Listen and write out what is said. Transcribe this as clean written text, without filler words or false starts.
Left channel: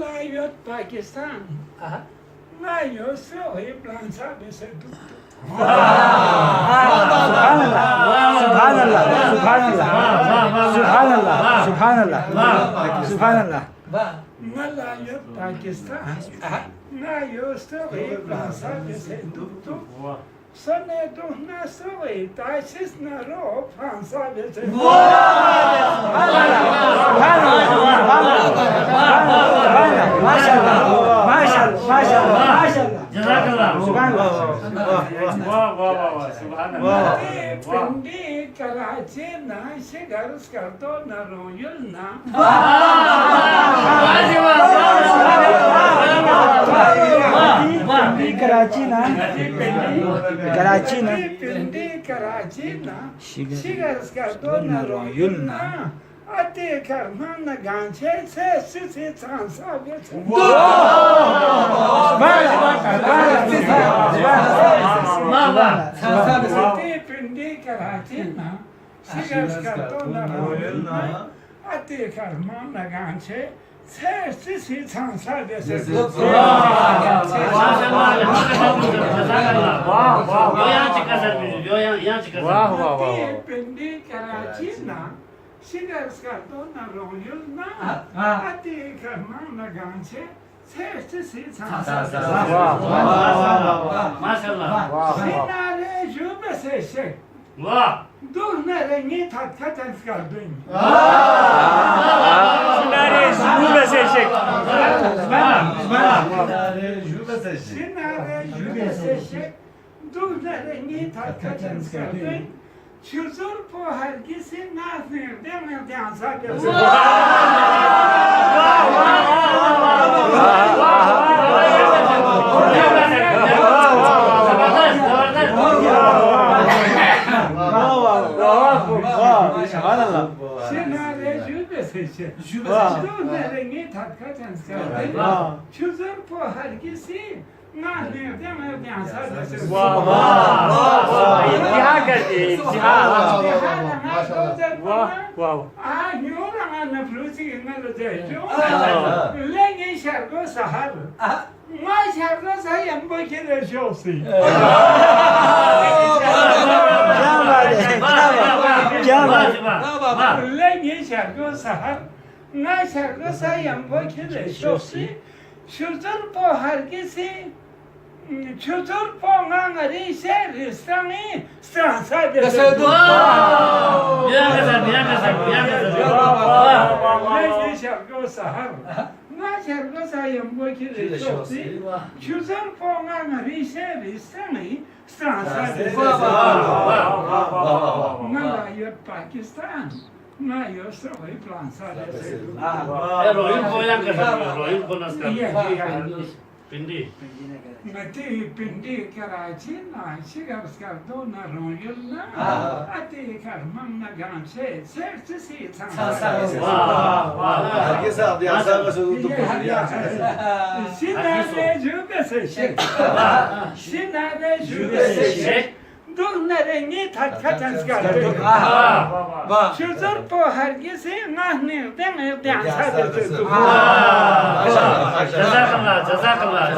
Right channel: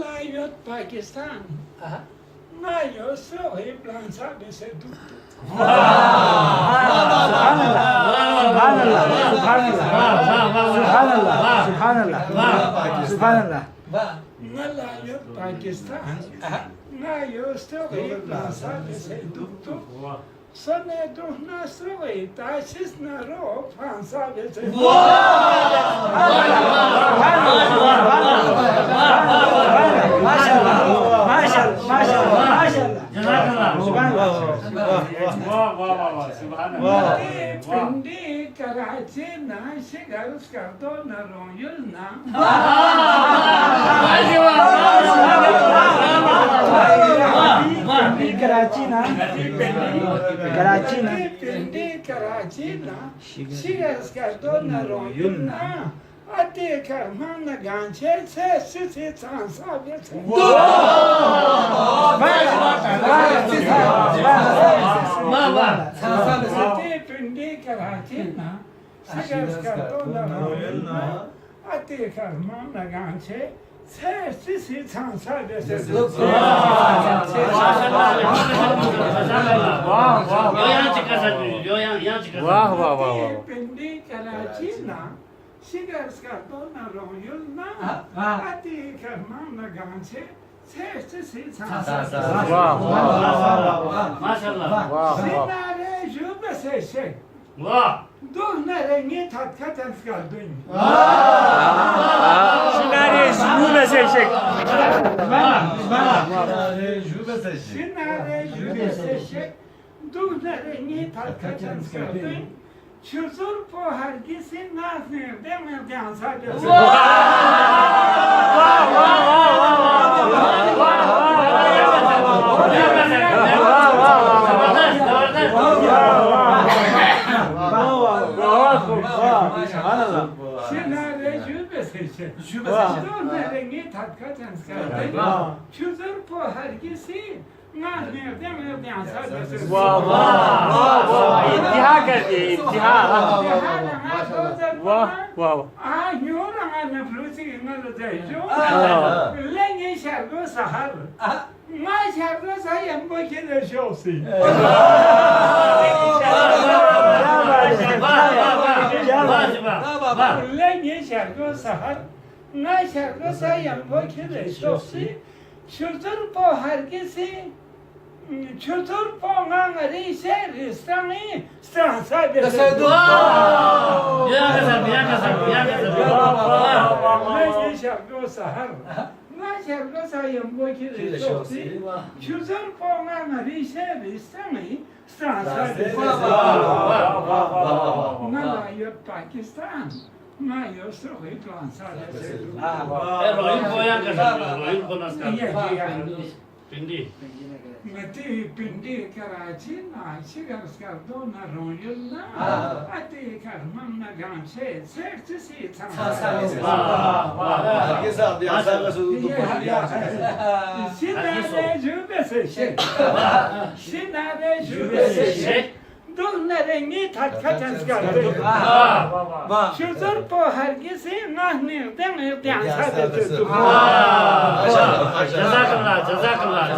Melayot Pakistan. Ngayon, so plan sabi sa dukto. Subhanallah. Melayot Pakistan. Ngayon, so plan sabi sa dukto. Sana ito na soy, tasis na ro, plan sabi sa dukto. Pindi Karachi na shigar skarto na royal na. Pindi Karachi na shigar skarto na royal na. Ate karman na ganche se sisi chansa bese. Ate pindi Karachi na shigar skarto na royal na. Ate karman na ganche se sisi chansa bese. Ate pindi Karachi na shigar skarto na royal na. Ate karman na ganche se sisi chansa bese. Sinare jube se shek. Duhnare ni tatkatan skardın. Sinare jube se shek. Sinare jube se shek. Duhnare ni tatkatan skardın. Çuzur po herkesi nazır demir dansa bese. Sinare jube se shek. Duhnare ni tatkatan skardın. Çuzur po herkesi nazır demir dansa bese. İntihar geldi, intihar. Lengi şarkı sahar. Ma şarkı sayın bu kere şosi. Lengi şarkı sahar. Ma şarkı sayın bu kere şosi. Şudur bu herkesi. Çutur ponganları seristanı stransa bese. Ne şarkı sahar. Ne şarkı sayın bu kere şosi. Çutur ponganları seristanı stransa bese. Melayot Pakistan. Ngayon, so plan sabi Pindi. Mati pindi Karachi na shigar skardo na royal na ati karman na ganche sertisi Herkes abi yasağa sözü Sinare jube se shek. Sinare jube se shek. Duhnare ni tatkatan skardo. Şuzur po herkesi nahnir demir dansa bese. Jazakallah, jazakallah.